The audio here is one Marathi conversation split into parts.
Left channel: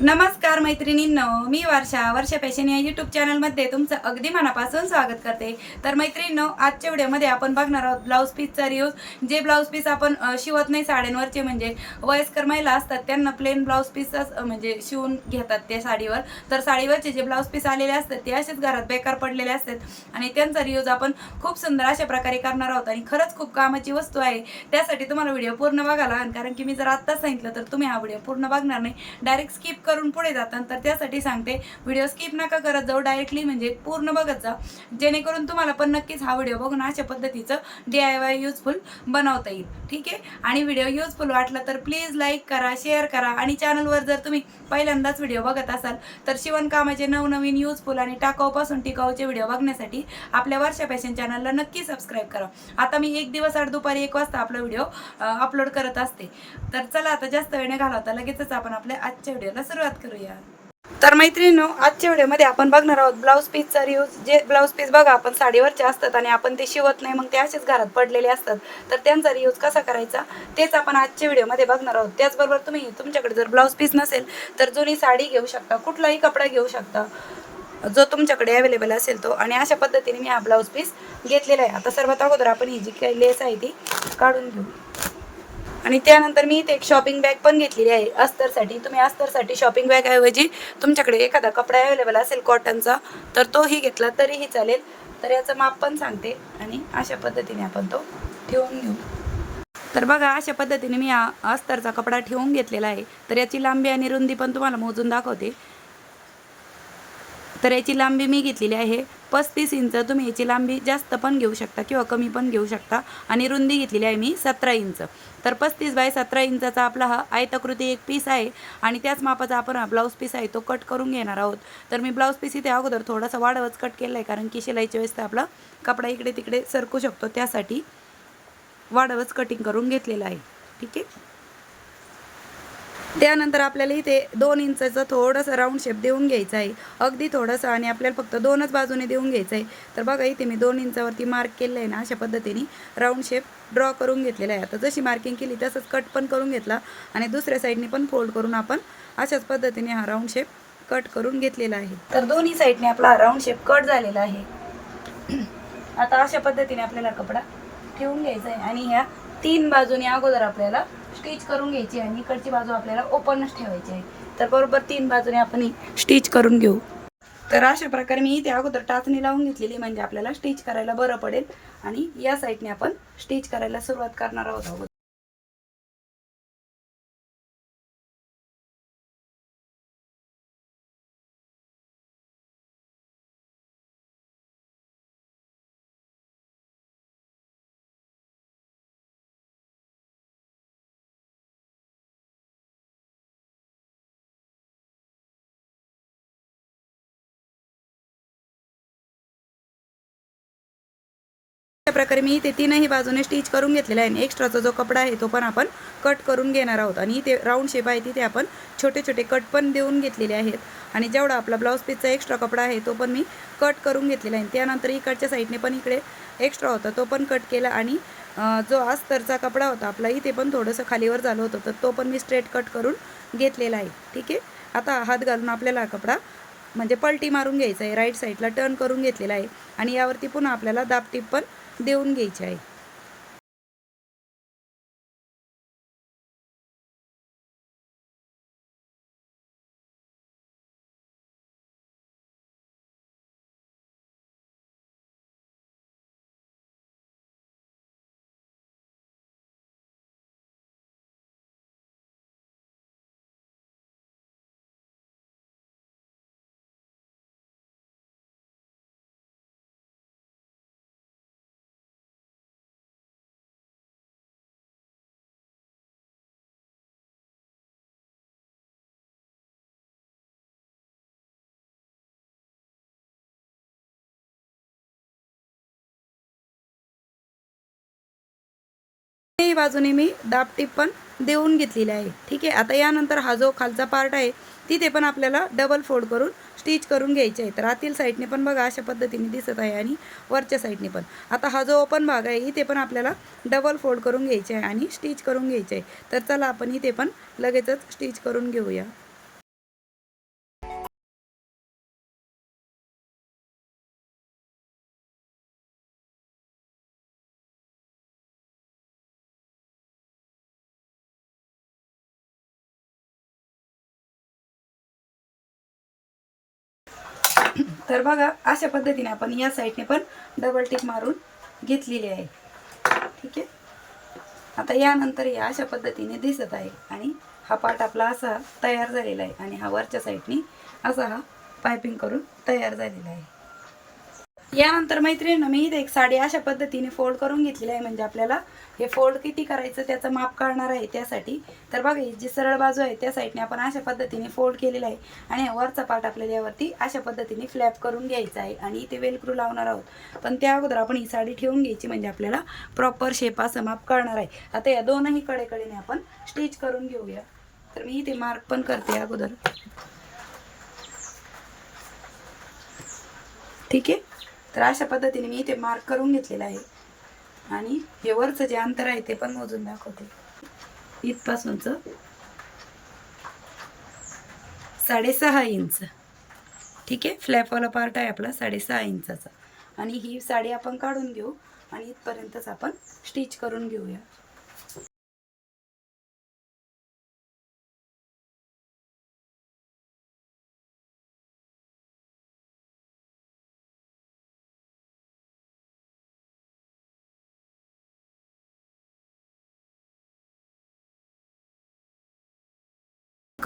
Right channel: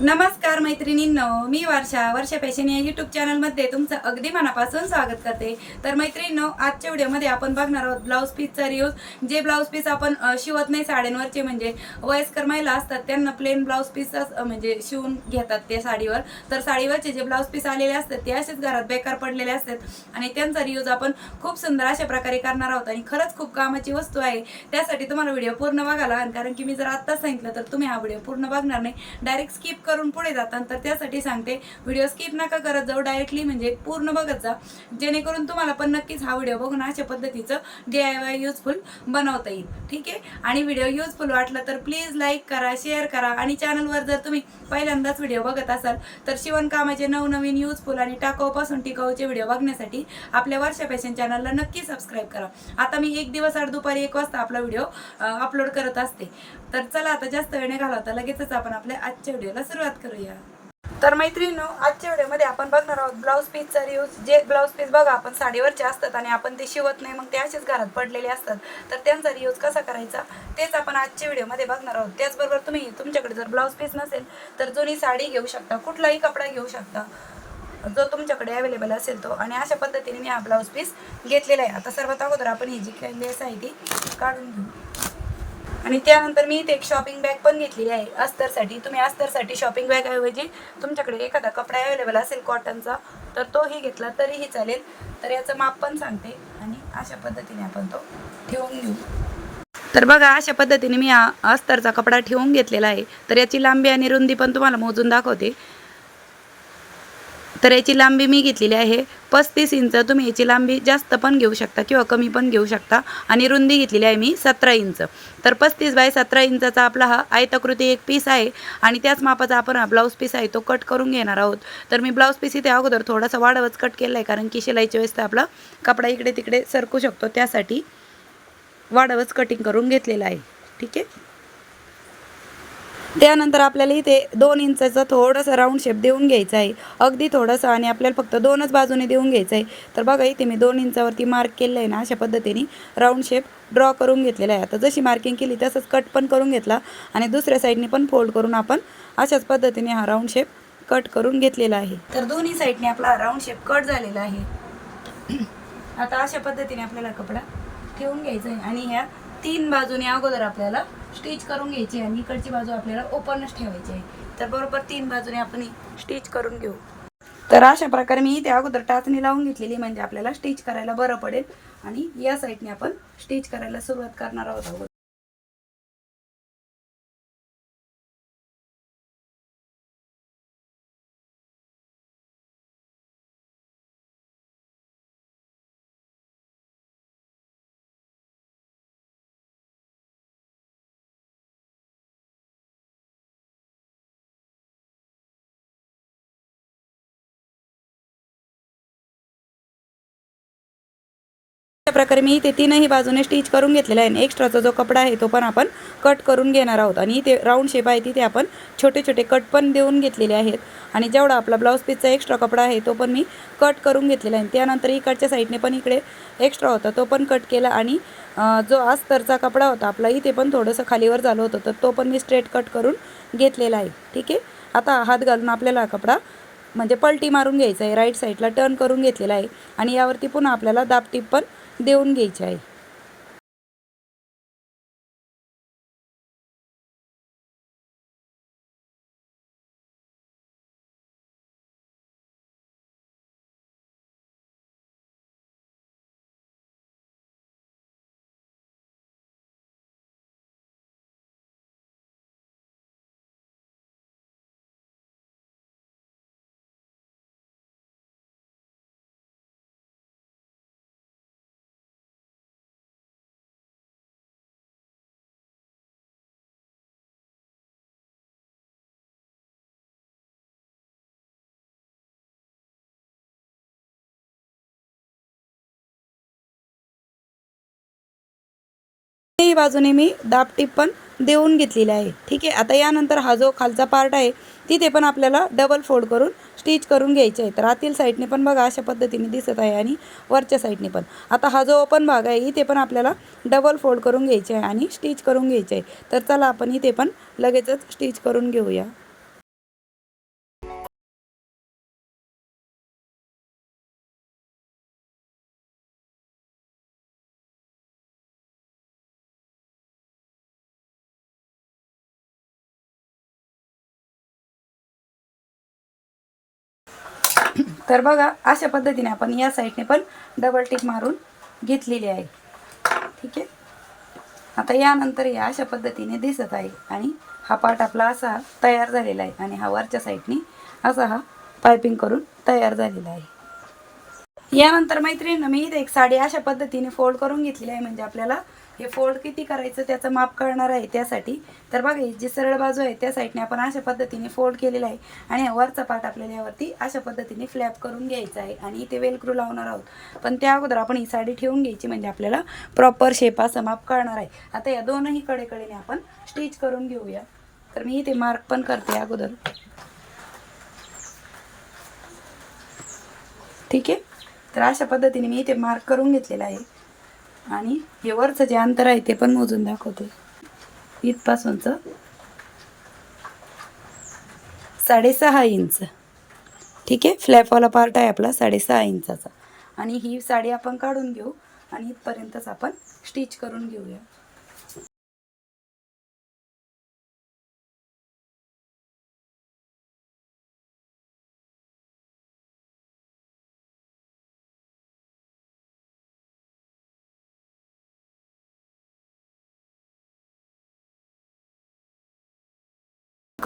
नमस्कार मैत्रिणींनो मी वर्षा वर्षा फॅशन या यूट्यूब चॅनलमध्ये तुमचं अगदी मनापासून स्वागत करते. तर मैत्रिणींनो आजच्या व्हिडिओमध्ये आपण बघणार आहोत ब्लाऊज पीसचा रियूज जे ब्लाऊज पीस आपण शिवत नाही साड्यांवरचे म्हणजे वयस्कर महिला असतात त्यांना प्लेन ब्लाऊज पीसच म्हणजे शिवून घेतात ते साडीवर. तर साडीवरचे जे ब्लाऊज पीस आलेले असतात ते असेच घरात बेकार पडलेले असतात. आणि त्यांचा रियूज आपण खूप सुंदर अशा प्रकारे करणार आहोत. आणि खरंच खूप कामाची वस्तू आहे. त्यासाठी तुम्हाला व्हिडिओ पूर्ण बघायला कारण की मी जर आत्ताच सांगितलं तर तुम्ही हा व्हिडिओ पूर्ण बघणार नाही. डायरेक्ट स्किप करून पुढे जातात. तर त्यासाठी सांगते व्हिडिओ स्किप नका करत जाऊ. डायरेक्टली म्हणजे पूर्ण बघत जा. जेणेकरून तुम्हाला पण नक्कीच हा व्हिडिओ बघून अशा पद्धतीचं डी आय वाय युजफुल बनवता येईल. ठीक आहे? आणि व्हिडिओ युजफुल वाटला तर प्लीज लाईक करा शेअर करा. आणि चॅनलवर जर तुम्ही पहिल्यांदाच व्हिडिओ बघत असाल तर शिवणकामाचे नवनवीन युजफुल आणि टाकाऊपासून टिकाऊचे व्हिडिओ बघण्यासाठी आपल्या वर्षा फॅशन चॅनलला नक्की सबस्क्राईब करा. आता मी एक दिवस आठ दुपारी एक वाजता आपला व्हिडिओ अपलोड करत असते. तर चला आता जास्त वेळ नाही घालवता. लगेचच आपण आपल्या आजच्या व्हिडिओला सुरुवात करूया. तर मैत्रिणीनो आजच्या व्हिडिओमध्ये आपण बघणार आहोत ब्लाऊज पीसचा रियूज जे ब्लाऊज पीस बघा आपण साडीवरचे असतात आणि आपण ते शिवत नाही मग ते असेच घरात पडलेले असतात. तर त्यांचा रियूज कसा करायचा तेच आपण आजच्या व्हिडिओमध्ये बघणार आहोत. त्याचबरोबर तुम्ही तुमच्याकडे जर ब्लाऊज पीस नसेल तर जुनी साडी घेऊ शकता कुठलाही कपडा घेऊ शकता जो तुमच्याकडे अवेलेबल असेल तो. आणि अशा पद्धतीने मी हा ब्लाऊज पीस घेतलेला आहे. आता सर्वात अगोदर आपण ही जी काही लेस आहे ती काढून घेऊ. आणि त्यानंतर मी इथे एक शॉपिंग बॅग पण घेतलेली आहे अस्तरसाठी तुम्ही अस्तरसाठी शॉपिंग बॅग ऐवजी तुमच्याकडे एखादा कपडा अवेलेबल असेल कॉटनचा तर तोही घेतला तरीही चालेल. तर याचं माप पण सांगते आणि अशा पद्धतीने आपण तो ठेवून घेऊ. तर बघा अशा पद्धतीने मी अस्तरचा कपडा ठेवून घेतलेला आहे. तर याची लांबी आणि रुंदी पण तुम्हाला मोजून दाखवते. तर याची लांबी मी घेतलेली आहे. पस्तीस इंच तुम्ही याची लांबी जास्त पण घेऊ शकता किंवा कमी पण घेऊ शकता. आणि रुंदी घेतलेली आहे मी सतरा इंच. तर पस्तीस बाय सतरा इंचाचा आपला हा आयताकृती एक पीस आहे. आणि त्याच मापाचा आपण हा ब्लाऊज पीस आहे तो कट करून घेणार आहोत. तर मी ब्लाऊज पीस इथे अगोदर थोडासा वाढवच कट केला आहे कारण की शिलाईच्या वेळेस तर आपला कपडा इकडे तिकडे सरकू शकतो. त्यासाठी वाढवच कटिंग करून घेतलेला आहे. ठीक आहे? त्यानंतर आपल्याला इथे दोन इंचाचं थोडंसं राऊंड शेप देऊन घ्यायचं आहे. अगदी थोडंसं आणि आपल्याला फक्त दोनच बाजूने देऊन घ्यायचं आहे. तर बघा इथे मी दोन इंचावरती मार्क केलं आहे ना अशा पद्धतीने राऊंड शेप ड्रॉ करून घेतलेला आहे. आता जशी मार्किंग केली तसंच कट पण करून घेतला आणि दुसऱ्या साईडने पण फोल्ड करून आपण अशाच पद्धतीने हा राऊंड शेप कट करून घेतलेला आहे. तर दोन्ही साईडने आपला राऊंड शेप कट झालेला आहे. आता अशा पद्धतीने आपल्याला कपडा ठेवून घ्यायचा आहे आणि ह्या तीन बाजूने अगोदर आपल्याला स्टिच करून घ्यायची आणि इकडची बाजू आपल्याला ओपनच ठेवायची आहे. तर बरोबर तीन बाजूने आपण स्टिच करून घेऊ. तर अशा प्रकारे मी इथे अगोदर टाचणी लावून घेतलेली म्हणजे आपल्याला स्टिच करायला बरं पडेल. आणि या साईडने आपण स्टिच करायला सुरुवात करणार आहोत अगोदर. प्रकारे मी इथे तीनही बाजूने स्टिच करून घेतलेला आहे. आणि एक्स्ट्राचा जो कपडा आहे तो पण आपण कट करून घेणार आहोत. आणि इथे राऊंड शेप आहे तिथे आपण छोटे छोटे कट पण देऊन घेतलेले आहेत. आणि जेवढा आपला ब्लाऊज पीसचा एक्स्ट्रा कपडा आहे तो पण मी कट करून घेतलेला आहे. त्यानंतर इकडच्या साईडने पण इकडे एक्स्ट्रा होता तो पण कट केला. आणि जो अस्तरचा कपडा होता आपला इथे पण थोडंसं खालीवर झालं होतं तर तो पण मी स्ट्रेट कट करून घेतलेला आहे. ठीक आहे? आता हात घालून आपल्याला हा कपडा म्हणजे पलटी मारून घ्यायचा आहे. राईट साईडला टर्न करून घेतलेला आहे. आणि यावरती पुन्हा आपल्याला दाबटीप पण देऊन घ्यायचे आहे. दोन्ही बाजूने मी दाबटीप पण देऊन घेतलेली आहे. ठीक आहे? आता यानंतर हा जो खालचा पार्ट आहे तिथे पण आपल्याला डबल फोल्ड करून स्टिच करून घ्यायचे आहे तर आतील साईडने पण बघा अशा पद्धतीने दिसत आहे आणि वरच्या साईडने पण. आता हा जो ओपन भाग आहे इथे पण आपल्याला डबल फोल्ड करून घ्यायचे आहे आणि स्टिच करून घ्यायचे आहे. तर चला आपण इथे पण लगेचच स्टिच करून घेऊया. तर बघा अशा पद्धतीने आपण या साईडने पण डबल टिक मारून घेतलेली आहे. ठीक आहे? आता यानंतर या अशा पद्धतीने दिसत आहे आणि हा पार्ट आपला असा तयार झालेला आहे आणि हा वरच्या साईडने असा हा पायपिंग करून तयार झालेला आहे. यानंतर मैत्रिणीनं मी इथे एक साडी अशा पद्धतीने फोल्ड करून घेतलेली आहे. म्हणजे आपल्याला हे फोल्ड किती करायचं त्याचं माप कळणार आहे. त्यासाठी तर बघा ही जी सरळ बाजू आहे त्या साईडने आपण अशा पद्धतीने फोल्ड केलेला आहे. आणि वरचा पार्ट आपल्याला यावरती अशा पद्धतीने फ्लॅप करून घ्यायचा आहे. आणि इथे वेलक्रू लावणार आहोत. पण त्या अगोदर आपण ही साडी ठेवून घ्यायची म्हणजे आपल्याला प्रॉपर शेप असं माप करणार आहे. आता या दोनही कडेकडेने आपण स्टिच करून घेऊया. तर मी इथे मार्क पण करते अगोदर. ठीक आहे? तर अशा पद्धतीने मी इथे मार्क करून घेतलेला आहे. आणि हे वरचं जे अंतर आहे ते पण मोजून दाखवते. इथपासूनचं. साडेसहा इंच. ठीक आहे? फ्लॅपवाला पार्ट आहे आपला साडेसहा इंचाचा. आणि ही साडी आपण काढून घेऊ आणि इथपर्यंतच आपण स्टिच करून घेऊया.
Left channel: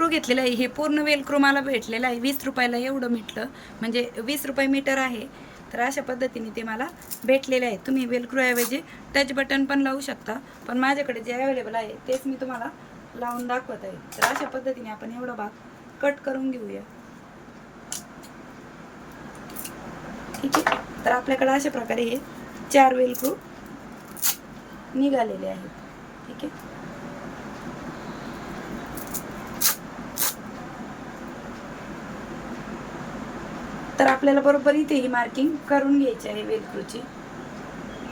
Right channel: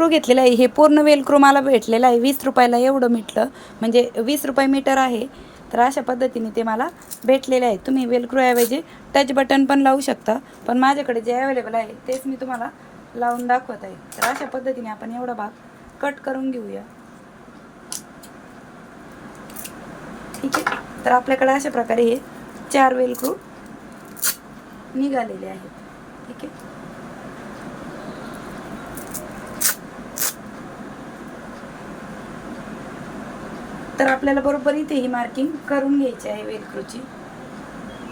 वेलक्रो घेतलेलं आहे. हे पूर्ण वेलक्रो मला भेटलेलं आहे. वीस रुपयाला एवढं मिटलं. म्हणजे वीस रुपये मीटर आहे. तर अशा पद्धतीने ते मला भेटलेले आहे. तुम्ही वेलक्रोऐवजी टच बटन पण लावू शकता. पण माझ्याकडे जे अवेलेबल आहे तेच मी तुम्हाला लावून दाखवत आहे. तर अशा पद्धतीने आपण एवढा भाग कट करून घेऊया. ठीक आहे. तर आपल्याकडे अशा प्रकारे हे चार वेलक्रो निघालेले आहेत. ठीक आहे. तर आपल्याला बरोबर इथे ही मार्किंग करून घ्यायची आहे वेलक्रूची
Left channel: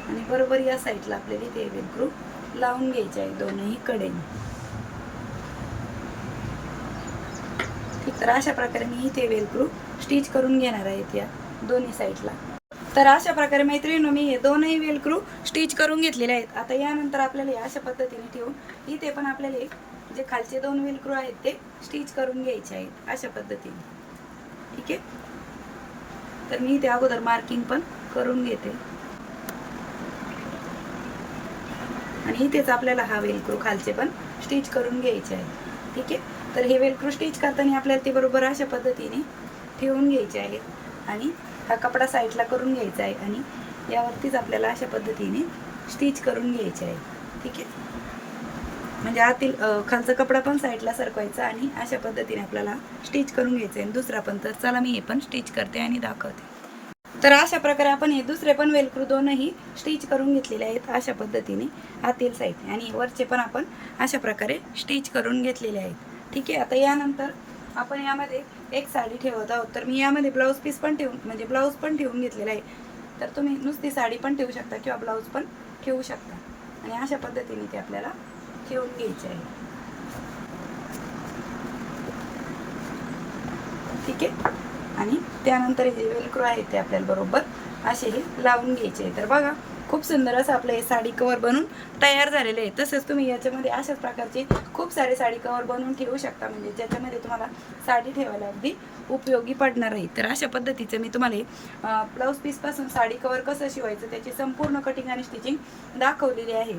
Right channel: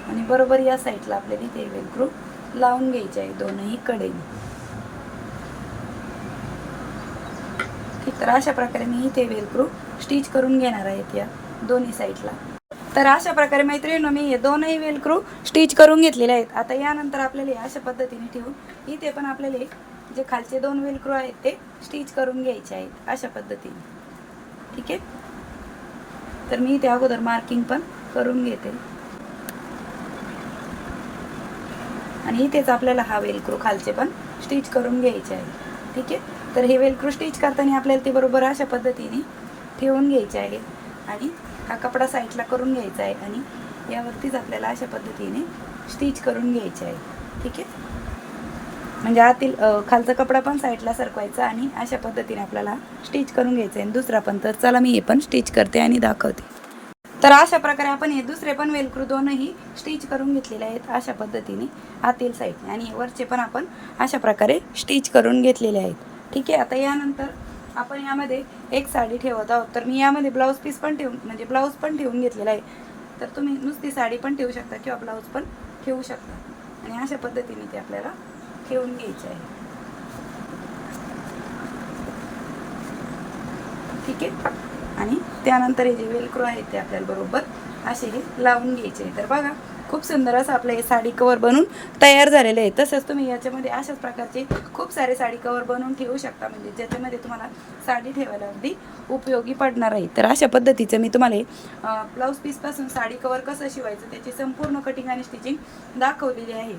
आणि बरोबर या साईडला आपल्याला इथे वेलक्रू लावून घ्यायचे आहे दोनही कडेने ठीक तर अशा प्रकारे मी इथे वेलक्रू स्टिच करून घेणार आहेत या दोन्ही साईडला तर अशा प्रकारे मैत्रिणी मी हे दोनही वेलक्रू स्टिच करून घेतलेले आहेत. आता यानंतर आपल्याला अशा पद्धतीने ठेवून इथे पण आपल्याला जे खालचे दोन वेलक्रू आहेत ते स्टिच करून घ्यायचे आहेत अशा पद्धतीने. ठीक आहे? तर मी त्या अगोदर मार्किंग पण करून घेते. आणि इथेच आपल्याला हा वेलक्रू खालचे पण स्टिच करून घ्यायचे आहे. ठीक आहे? तर हे वेलक्रू स्टिच करताना आपल्याला ते बरोबर अशा पद्धतीने ठेवून घ्यायचे आहे. आणि हा कपडा साईडला करून घ्यायचा आहे आणि यावरतीच आपल्याला अशा पद्धतीने स्टिच करून घ्यायचे आहे. ठीक आहे? म्हणजे आतील खालचा कपडा पण साईडला सरकवायचा आणि अशा पद्धतीने आपल्याला स्टिच करून घ्यायचं आहे. दुसरा पण तर चला मी हे पण स्टिच करते आणि दाखवते. तर अशा प्रकारे आपण हे दुसरे पण वेलक्रू दोनही स्टिच करून घेतलेले आहेत अशा पद्धतीने आतील साईडने. आणि वरचे पण आपण अशा प्रकारे स्टिच करून घेतलेले आहेत. ठीक आहे आता यानंतर आपण यामध्ये एक साडी ठेवत आहोत. तर मी यामध्ये ब्लाऊज पीस पण ठेवून म्हणजे ब्लाऊज पण ठेवून घेतलेला आहे. तर तुम्ही नुसती साडी पण ठेवू शकता किंवा ब्लाऊज पण ठेवू शकता. आणि अशा पद्धतीने ते आपल्याला ठेवून घ्यायचे आहे. ठीक आहे? आणि त्यानंतर हे जे वेलक्रो आहे ते आपल्याला बरोबर असे हे लावून घ्यायचे आहे. तर बघा खूप सुंदर असं आपलं हे साडी कवर बनून तयार झालेलं आहे. तसंच तुम्ही याच्यामध्ये अशाच प्रकारचे खूप सारे साडी कवर बनवून ठेवू शकता. म्हणजे ज्याच्यामध्ये तुम्हाला साडी ठेवायला अगदी उपयोगी पडणार आहे. तर अशा पद्धतीचं मी तुम्हाला ब्लाऊज पीसपासून साडी कवर कसं शिवायचं त्याची संपूर्ण कटिंग आणि स्टिचिंग दाखवलेली आहे.